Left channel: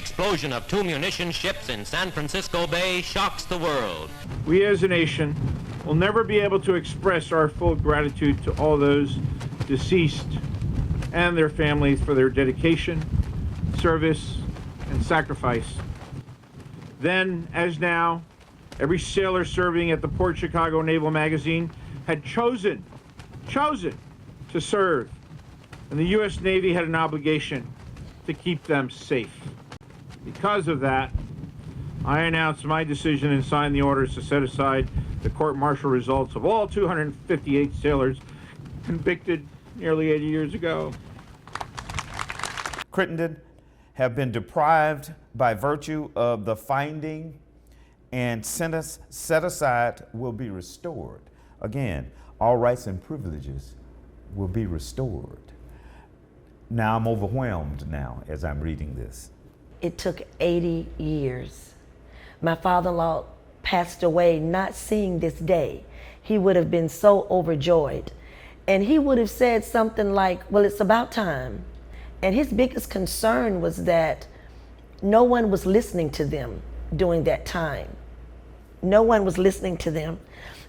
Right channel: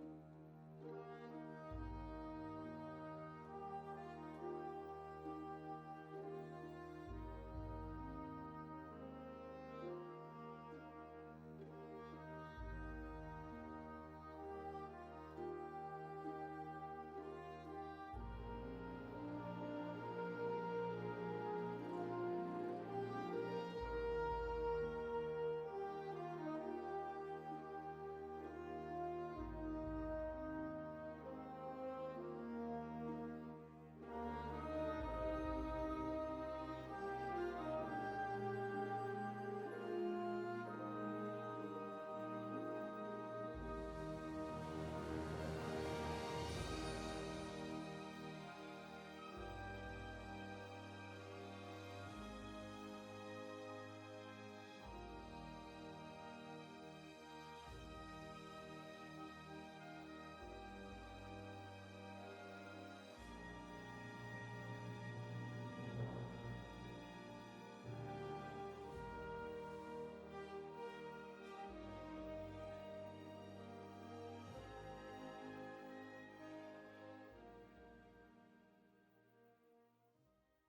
explosion of 2 munition ships in San Francisco Bay shocks the world. We as a nation will never be able to express our full gratitude to all those deceased and their families for their dedication, service, and sacrifice. Then, as now, every sailor serving at the Port Chicago Naval Magazine had chosen to serve, and the U.S. Navy had an obligation to keep them safe. Because of that, I announced my decision and signed the orders to set aside the court-martial results of all 258 sailors convicted nearly 80 years ago. Crittenden have been deprived by virtue of the finding, and sentence set aside will be restored. Again, all rights and privileges will be restored. Now I'm overwhelmed now as I'm reading this. It took 80 years. My father-in-law passed away not seeing this day. He would have been so overjoyed. And he would have said something like, well, it's about time. And his biggest concern was that no one was listening to them during that time. No one was listening to them.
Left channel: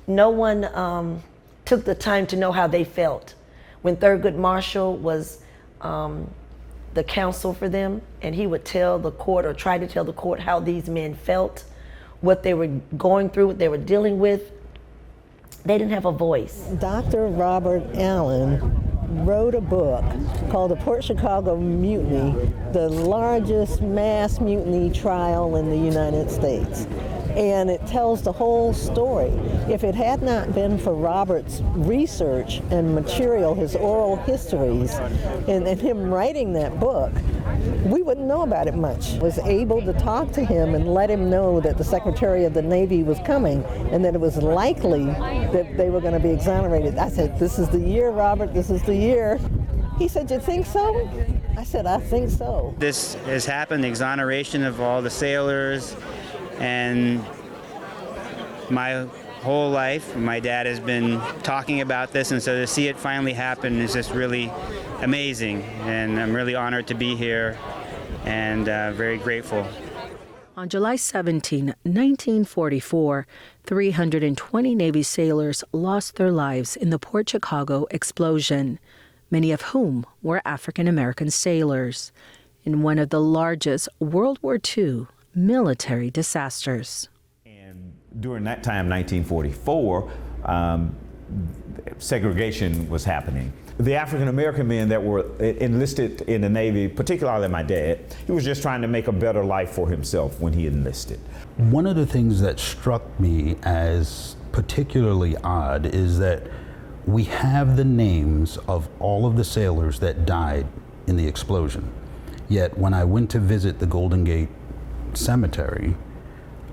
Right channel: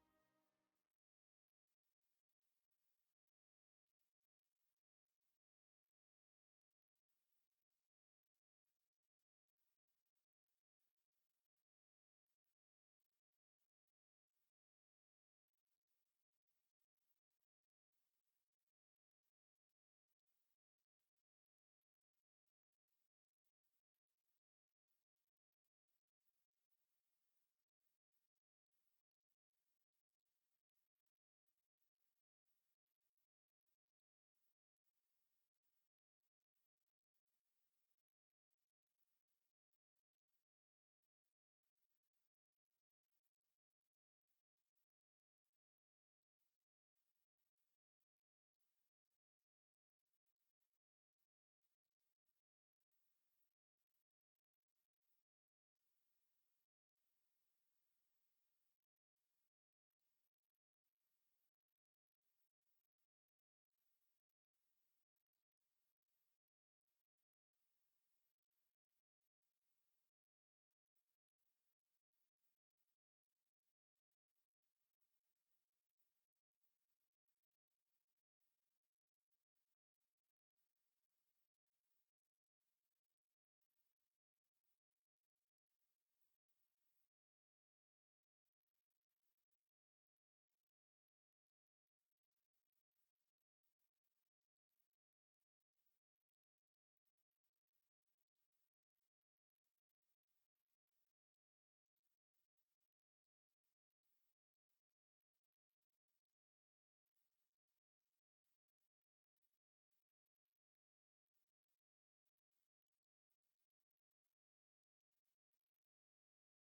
No one took the time to know how they felt. When Thurgood Marshall was the counsel for them, and he would tell the court or try to tell the court how these men felt, what they were going through, what they were dealing with, they didn't have a voice. Dr. Robert Allen wrote a book called The Port Chicago Mutiny, the largest mass mutiny trial in the United States. And it tells the whole story. If it had not been for Robert's research and material, his oral histories, and him writing that book, we wouldn't know about it much. I was able to talk to him and let him know that the Secretary of the Navy was coming and that it was likely that they were going to be exonerated. I said, this is the year, Robert, this is the year. He said, you think so? I said, I think so. This has happened, the exoneration of all the sailors, and my whole life, my dad has been talking about this, and so to see it finally happen is just really amazing, and I'm really honored to be here and very grateful. On July 17, 1944, 320 Navy sailors lost their lives in the Port Chicago explosion, many of whom were African American sailors, in one of the largest World War II military disasters. And during that time, 1944, segregation was happening. The African American men that were enlisted in the Navy, particularly my dad, he was just trying to make a better life for himself when he enlisted. One of the things that struck me as particularly odd is that we have the names of all of the sailors that died in the explosion. Yet when I went to visit the Golden Gate Cemetery,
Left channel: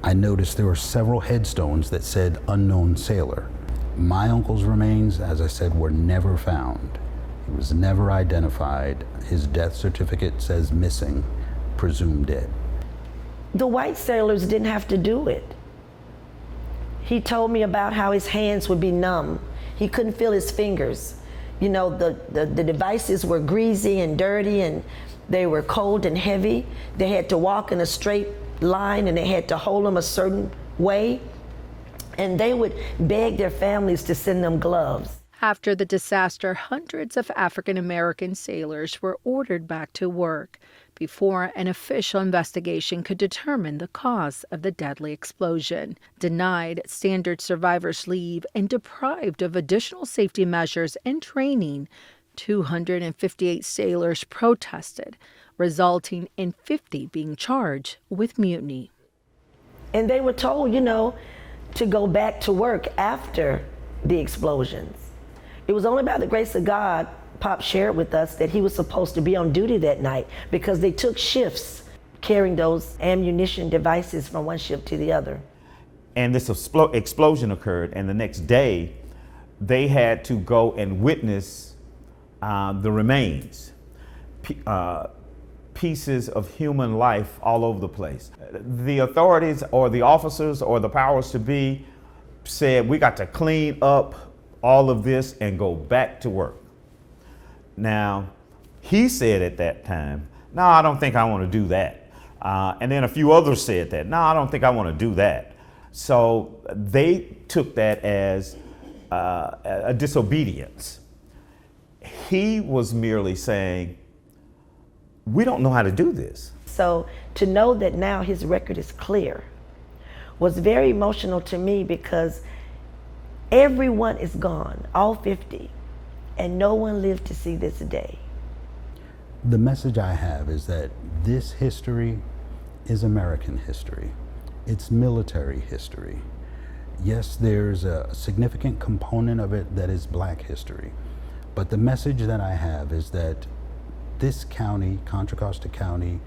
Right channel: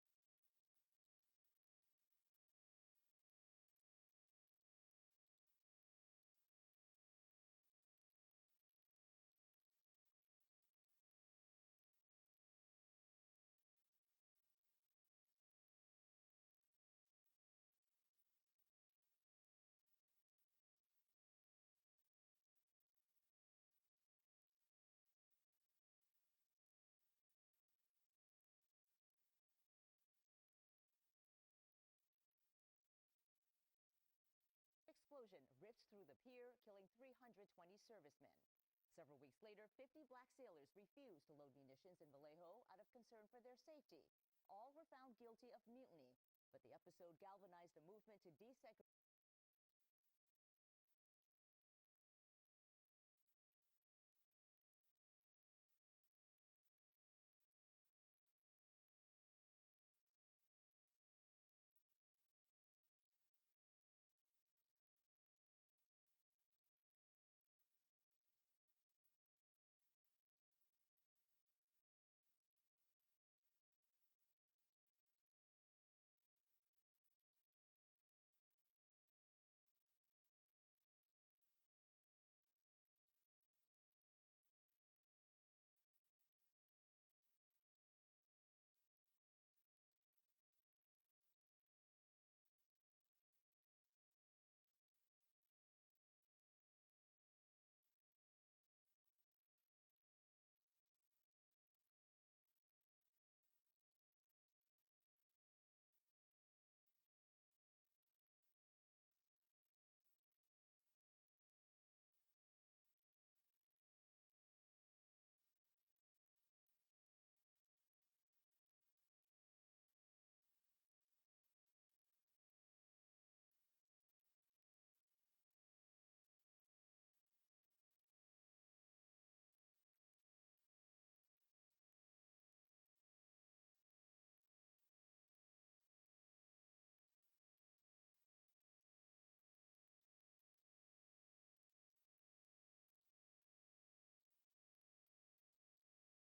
I noticed there were several headstones that said unknown sailor. My uncle's remains, as I said, were never found. He was never identified. His death certificate says missing, presumed dead. The white sailors didn't have to do it. He told me about how his hands would be numb. He couldn't feel his fingers. You know, the devices were greasy and dirty, and they were cold and heavy. They had to walk in a straight line, and they had to hold them a certain way. And they would beg their families to send them gloves. After the disaster, hundreds of African American sailors were ordered back to work before an official investigation could determine the cause of the deadly explosion. Denied standard survivor's leave and deprived of additional safety measures and training, 258 sailors protested, resulting in 50 being charged with mutiny. And they were told, you know, to go back to work after the explosions. It was only by the grace of God, Pop shared with us, that he was supposed to be on duty that night, because they took shifts carrying those ammunition devices from one ship to the other. And this explosion occurred, and the next day they had to go and witness the remains, pieces of human life all over the place. The authorities or the officers or the powers to be said, we got to clean up all of this and go back to work. Now, he said at that time, no, I don't think I want to do that. And then a few others said that. No, I don't think I want to do that. So they took that as a disobedience. He was merely saying, we don't know how to do this. So to know that now his record is clear was very emotional to me, because everyone is gone, all 50, and no one lived to see this day. The message I have is that this history is American history. It's military history. Yes, there's a significant component of it that is Black history, but the message that I have is that this county, Contra Costa County,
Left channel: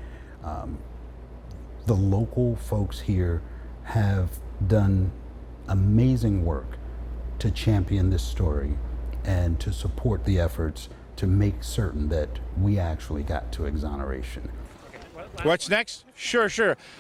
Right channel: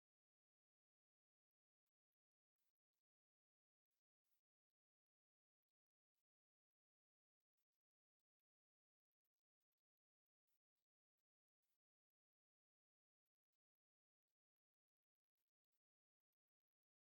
the local folks here have done amazing work to champion this story and to support the efforts to make certain that we actually got to exoneration. What's next? Sure.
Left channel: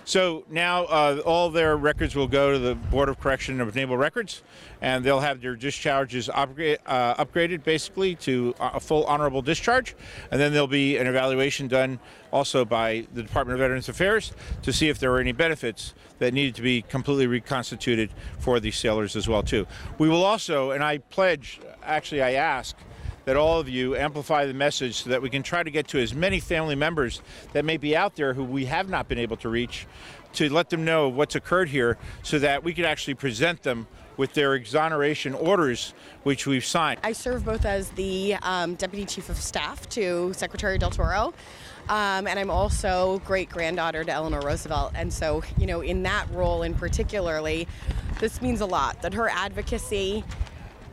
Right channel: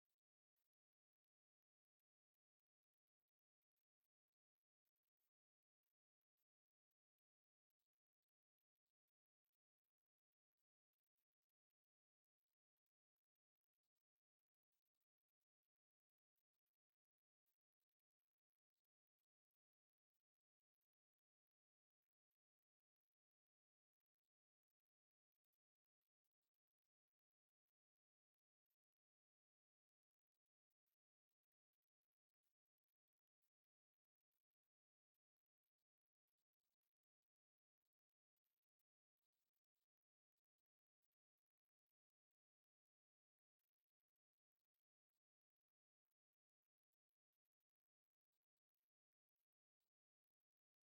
So now all their records will go to the Board of Correction of Naval Records, and they'll have their discharges upgraded basically to a full honorable discharge. And then there'll be an evaluation done also by the Department of Veterans Affairs to see if there were any benefits that needed to be completely reconstituted for these sailors as well too. We will also, and I pledge, actually I ask, that all of you amplify the message so that we can try to get to as many family members that may be out there who we have not been able to reach, to let them know what's occurred here so that we could actually present them with their exoneration orders, which we've signed. I serve both as the Deputy Chief of Staff to Secretary Del Toro, and I'm also great-granddaughter to Eleanor Roosevelt. And so, you know, in that role in particularly, this means a lot, that her advocacy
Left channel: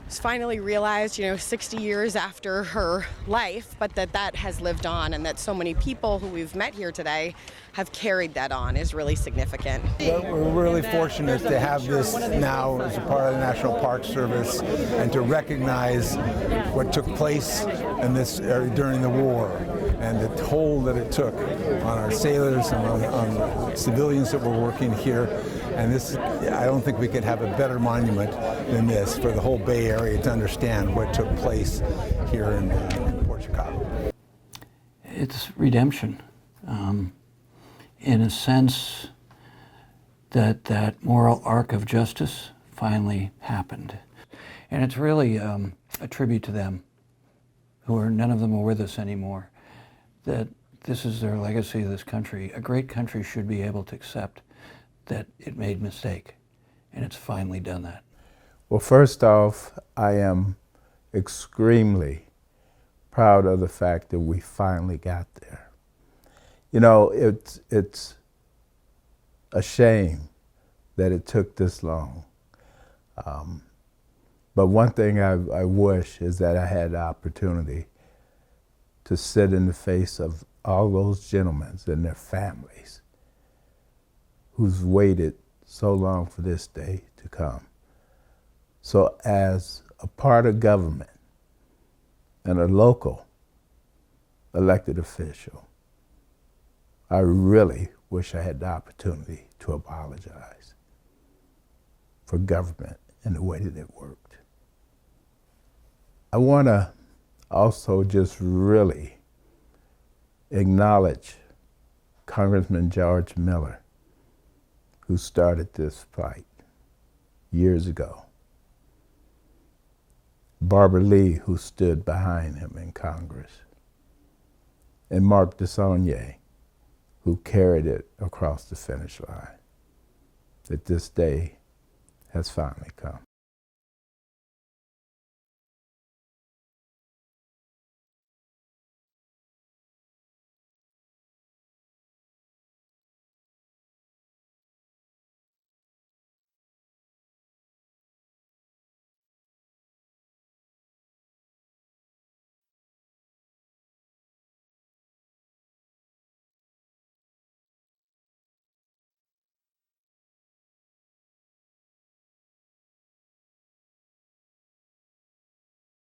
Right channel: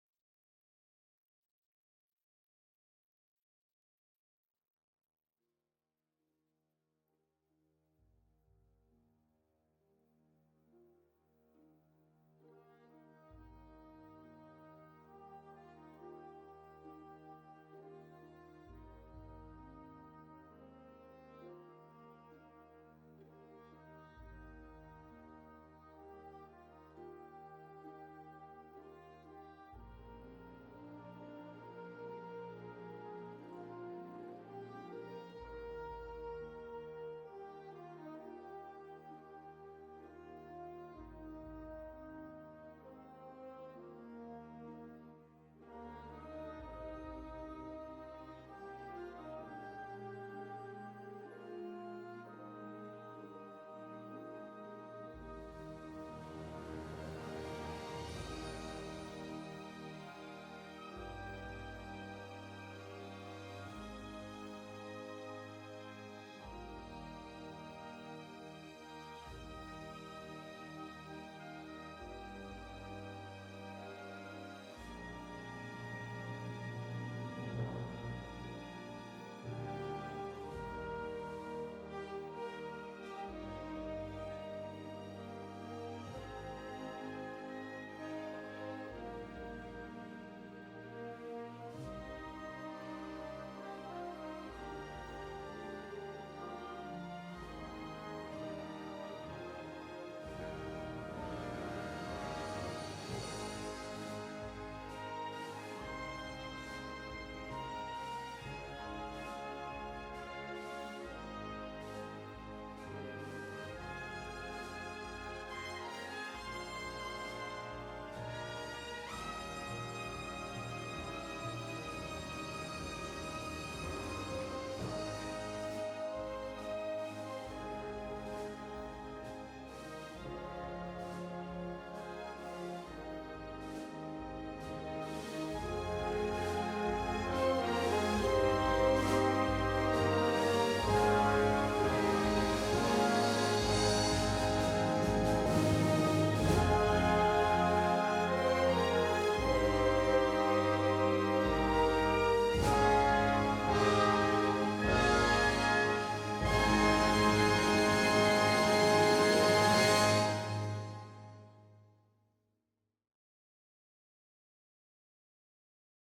was finally realized, 60 years after her life, but that has lived on, and that so many people who we've met here today have carried that on is really significant. We're really fortunate to have this now as a part of the National Park Service and to recognize what took place in this area during the war and the toll that it took on our sailors and on civilians that were working here. And this, I don't think we could have a better monument than this for the whole Bay Area to understand what took place here in Port Chicago. It's redemption. In a sense that moral arc of justice finally happened. And it's really a tribute to them, none of them are with us anymore, that this is their legacy of this country. A great country should be able to accept that it made a mistake, and it's finally done that. Well, first off, I am extremely proud of the fact that we finally got there. It's a shame that it took this long. But one thing I wish is that I had the opportunity to sit in the face of all those gentlemen and their families who's waited so long for this day to come. So as a part of government and a local elected official, I really wish I had the opportunity to apologize for government and the way that it worked. I want to also just really acknowledge Congressman George Miller, who started this fight years ago. Barbara Lee, who stood behind him in Congress. And Mark Descendants, who carried it across the finish line. That this day has finally come.